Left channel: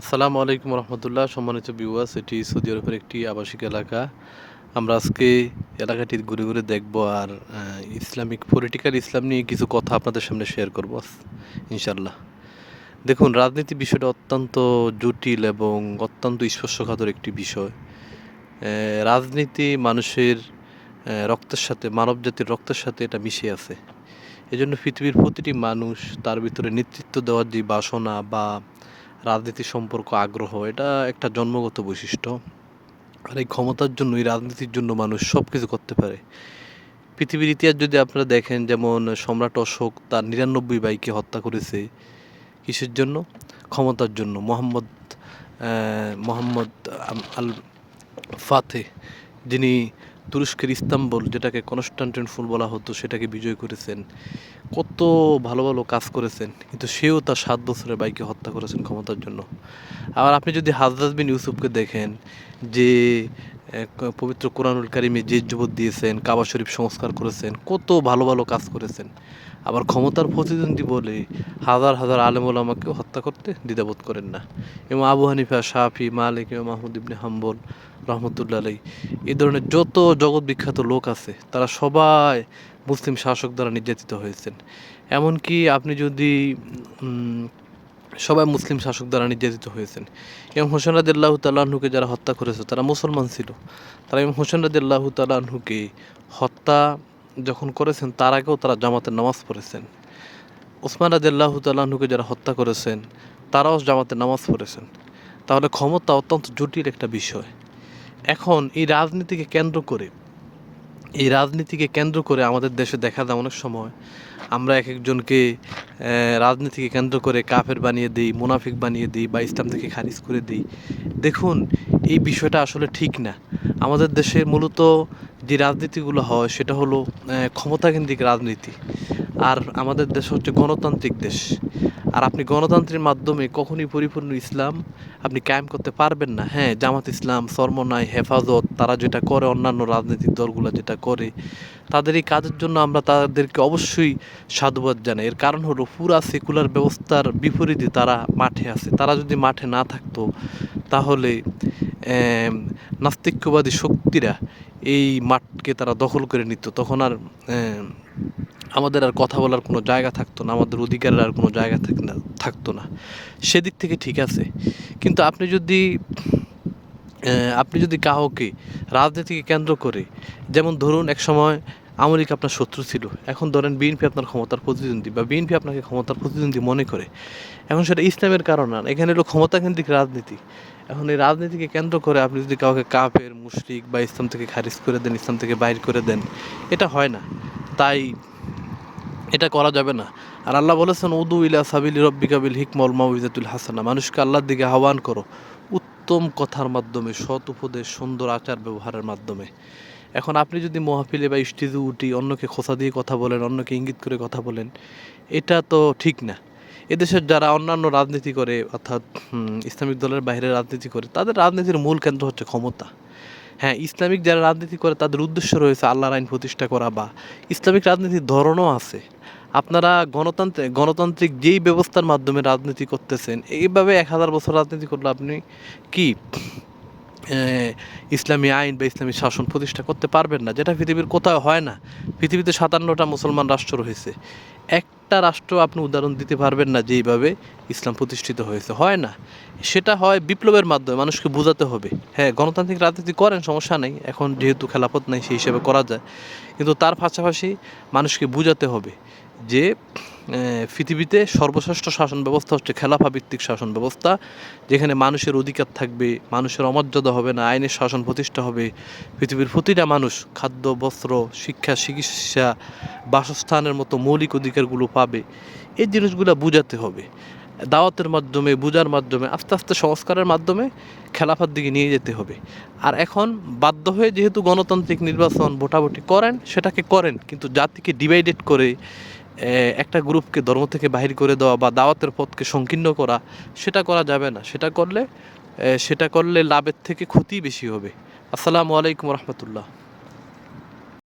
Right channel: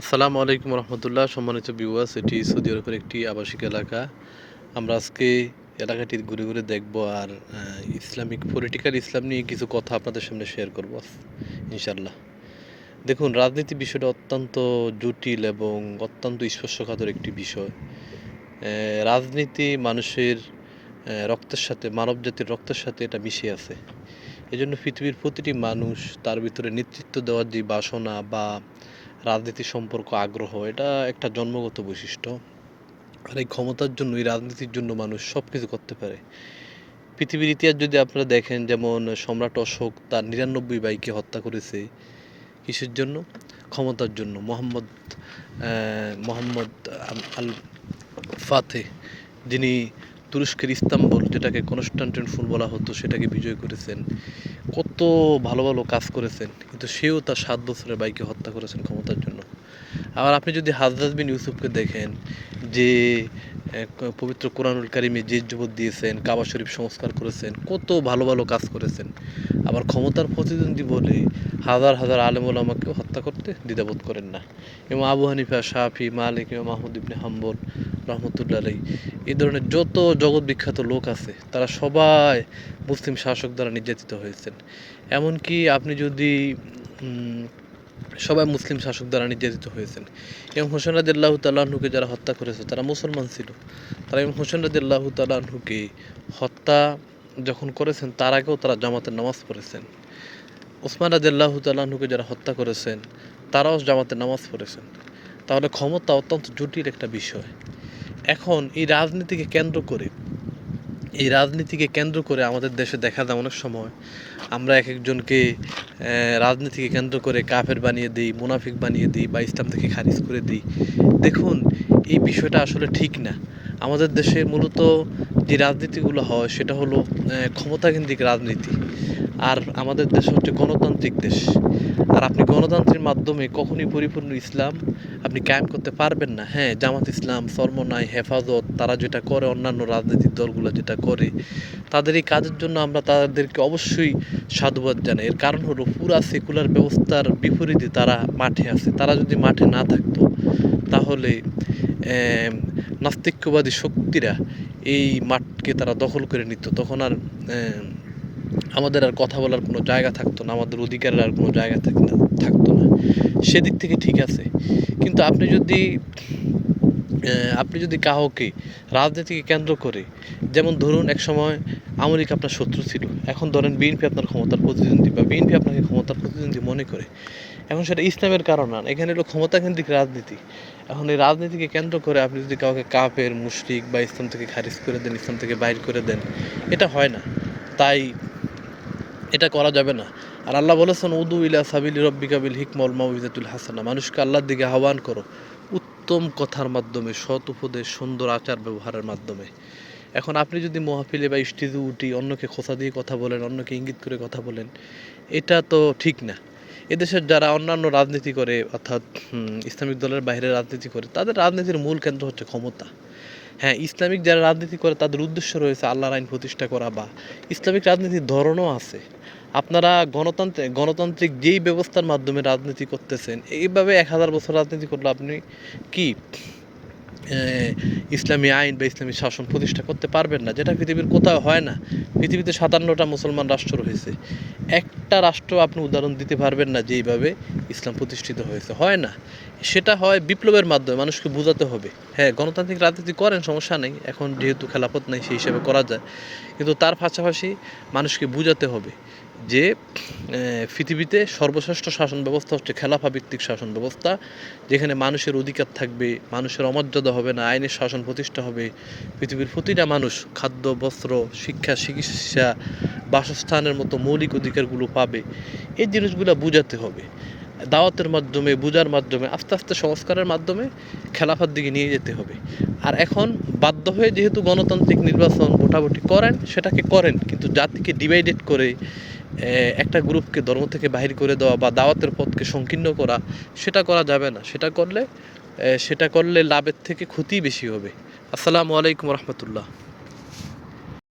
আসসালামু আলাইকুম রহমতুল্লাহ। সম্মানিত ভিউয়ার্স, এটি সৌদি আরবের একটি আবাসিক এলাকা। আমরা আজকে এলাকাটি ঘুরে ঘুরে দেখব আর ইসলামিক পলিটিক্যাল ইসলাম নিয়ে কিছু কথা আপনাদের সামনে শেয়ার করব ইনশাল্লাহ। দেখুন, রাজনীতি বিষয়টা অত্যন্ত জটিল এবং অত্যন্ত স্পর্শকাতর একটি বিষয়। রাজনীতি মানুষের রক্তের সাথে, মানব জাতির রক্তের সাথে এটা মিশে আছে। এজন্য পৃথিবীর প্রতিটি মানুষ তার ভিতরে নেতৃত্ব দেওয়ার যে বাসনা বা রাজনীতি সম্পর্ক আগ্রহ, এটা একটা জন্মগত বৈশিষ্ট্য। আর এই ক্ষমতার জন্য, এই রাজনীতির জন্য মানুষ সব কিছু করতে পারে। পৃথিবীর ইতিহাস যদি আপনারা দেখেন, যেমন সম্রাট অশোক তার ৯৯ ভাইকে হত্যা করেছে কিসের জন্য? ক্ষমতার জন্য। মোহাম্মদ আল ফাতে, যিনি তুরস্কের ইস্তাম্বুল, যেটাকে কনস্টান্টিনোপল বলা হতো, সেটাকে বিজয় করেছেন। কত ভালো ভালো কাজ করেছেন, কিন্তু সেও তার ৭ বছরের ভাইকে হত্যা করেছেন ক্ষমতার জন্য। আবার আপনি যদি হাজরাত বিন ইউসুফকে দেখেন, যে পবিত্র কোরআনুল কারিমে যে যুবত দিয়েছেন, কাবা শরীফ সংস্কার করেছেন, কত ভালো ভালো কাজ করেছেন। আবার ক্ষমতার প্রতিদ্বন্দ্বী বলে হাজার হাজার আলেম ওলামাকেও হত্যা করতে দ্বিধাবোধ করেন না। এবং আবু হানিফা, শাফি, মালিক এবং মাহমুদ ইবনে হাম্বল রহমতুল্লাহ আলাইহি, এই ধরনের যত জগৎ বিখ্যাত লোক আছে, তারা সবাই মুসলিম শাসক দ্বারা নির্যাতিত হয়েছেন। এমনকি আপনি যদি সবাই মুসলিম শাসক দ্বারা নির্যাতিত হয়েছেন। ইমাম হোসেন রাদিয়াল্লাহু তাআলা আনহুকে যারা হত্যা করেছে, তারা মুসলমান ছিল। তারা ইমাম হোসেন রাদিয়াল্লাহু তাআলা আনহুকে হত্যা যখন করেছেন, তার আগেও তারা জামাতের নামাজ পড়েছেন। ওসমান রাদিয়াল্লাহু তাআলা আনহুকে যারা হত্যা করেছেন, তারাও জামাতের নামাজ পড়েছেন। তাহলে ক্ষমতা অত্যন্ত জটিল একটা বিষয়। এখন এই রাজনীতিকে কেন্দ্র করে আমাদের দেশে দেখা যায় অনেক সময় আমরা এক একজনকে রাজনীতিকে কেন্দ্র করে কাফের বানিয়ে দিই, মুনাফিক বানিয়ে দিই, বা ইসলাম থেকে খারিজ করে দিই। দেখুন, এই বিষয়টা আসলে ঠিক না। আমাদের দেশে মূলত যে রাজনীতিগুলো হয়, সেটা হলো ক্ষমতাকেন্দ্রিক রাজনীতি। আর আমাদের দেশ হচ্ছে গণতান্ত্রিক দেশ। আর আপনি গণতন্ত্রের মাধ্যমে কখনই পরিপূর্ণ ইসলাম আপনি কায়েম করতে পারবেন না। হ্যাঁ, জামাত ইসলাম, চরমনাই, হেফাজত, তারা যেটা করে, অন্যান্য রাজনৈতিক দলগুলো যেটা করে, তাদের এই কাজের জন্য আমরা তাদেরকে অবশ্যই সাধুবাদ জানাই। এর কারণ হলো, পুরা সেকুলার ব্যবস্থার বিপরীতে তারা মাঠে আছে। তারা যদি মাঠে না থাকতো, তাহলে নাস্তিক্যবাদী শক্তিরা এই মাঠকে তারা দখল করে নিত। তখন আর আমাদের আর কথা বলার কোনো জায়গা থাকতো না, আমাদের অধিকারের আর কোনো জায়গা থাকতো না। সেদিক থেকে ঠিক আছে। কিন্তু আপনি যদি কাউকে রাজনীতিকে কেন্দ্র করে, যেমন ধরুন এক সময় আওয়ামী লীগ আপনার শত্রু ছিল, এখন ধরেন বিএনপি আপনার ক্ষমতার প্রতিদ্বন্দ্বী, বা বিএনপি আপনাকে ক্ষমতার প্রতিদ্বন্দ্বী মনে করে, এখন সেটা ইসলামের কারণ না, এখানে হলো ক্ষমতাকেন্দ্রিক রাজনীতি। এখন এই রাজনীতিকে কেন্দ্র করে আপনি যদি কাউকে কাফের, মুশরিক বা ইসলাম থেকে খারিজ করে দেন, ইসলাম থেকে বাইর করে দেন, এটা হয় না। তাই এটা করা যাবে না। আর আল্লাহ বলেছেন, উদু ইলা সাবিলি রব্বিকা বিল হিকমা ওয়াল মাউইজাতুল হাসানা, মানুষকে আল্লাহর দিকে আহ্বান করো উত্তম কথার মাধ্যমে, সৎ উপদেশ, সুন্দর আচার ব্যবহারের মাধ্যমে। এখন আপনি যদি মহফিলে বা স্টেজে উঠি অন্যকে খোঁচা দিয়ে কথা বলেন, অন্যকে ইঙ্গিত করে কথা বলেন, এটা তো ঠিক না। এদেশের যারা অন্যান্য রাজনীতি করে, অর্থাৎ ইসলামিক দলের বাইরে রাজনীতি করে, তাদের রাজনীতির মূল কেন্দ্র হচ্ছে ক্ষমতা। হ্যাঁ, ইসলামিক যারা রাজনীতি করে, তাদের উদ্দেশ্য রয়েছে আল্লাহর আইন প্রতিষ্ঠা করা, বা ইসলামিক রাজনীতির ধরনও আছে। আপনারা গণতান্ত্রিক যেই ব্যবস্থার মাধ্যমে রাজনীতি করতেছেন, এইভাবে ১০০০ বছর রাজনীতি করলে আপনি কি ইসলামী আইন বা ইসলামী শাসন প্রতিষ্ঠা করতে পারবেন না, যেটা পৃথিবীর কোথাও হয় না। পৃথিবীতে ৫৭টা মুসলমান রাষ্ট্র রয়েছে, একটা রাষ্ট্র আপনি উদাহরণ দিতে পারবেন না যেইভাবে ইসলাম প্রতিষ্ঠিত হয়েছে, হয় না। সেটা হয় বিপ্লবের মাধ্যমে, মানুষকে বোঝাতে হবে। হ্যাঁ, গণতান্ত্রিক রাজনীতি করেন, সমস্যা নেই, এখন যেহেতু খেলাফত নাই সেই হিসেবে করা যায়, কিন্তু তার পাশাপাশি মানুষকে বোঝাতে হবে যে পৃথিবীতে সর্বশ্রেষ্ঠ শাসন ব্যবস্থা হচ্ছে খেলাফা ভিত্তিক শাসন ব্যবস্থা, যেখানে মানুষের অধিকার থাকবে, মানুষের অমর্যাদা হবে না, আইনের শাসন প্রতিষ্ঠা হবে, পৃথিবীর প্রতিটা মানুষ খাদ্য, বস্ত্র, শিক্ষা, চিকিৎসা, বাসস্থানের মতো মৌলিক অধিকারগুলো পাবে। এই জিনিসগুলো বোঝাতে হবে। দাওয়াতের মাধ্যমে, বোঝার মাধ্যমে, আস্তে আস্তে সংস্কারের মাধ্যমে খেলাফার দিকে নিয়ে যেতে হবে। আর এখন বাধ্য হয়ে যেহেতু গণতান্ত্রিক নির্বাচন ভোটাভুটি করেন, সেটাকে করেন, কিন্তু জাতিকে ডিভাইডেড করে একটা গ্রুপকে ধর্ম থেকে বাহির করে দেওয়া বা দাওয়াতের পথকে সংকীর্ণ করা, সেটা করা যাবে না। সেটা করলে লাভের থেকে ক্ষতিই বেশি হবে। আসসালামু আলাইকুম রহমতুল্লাহ।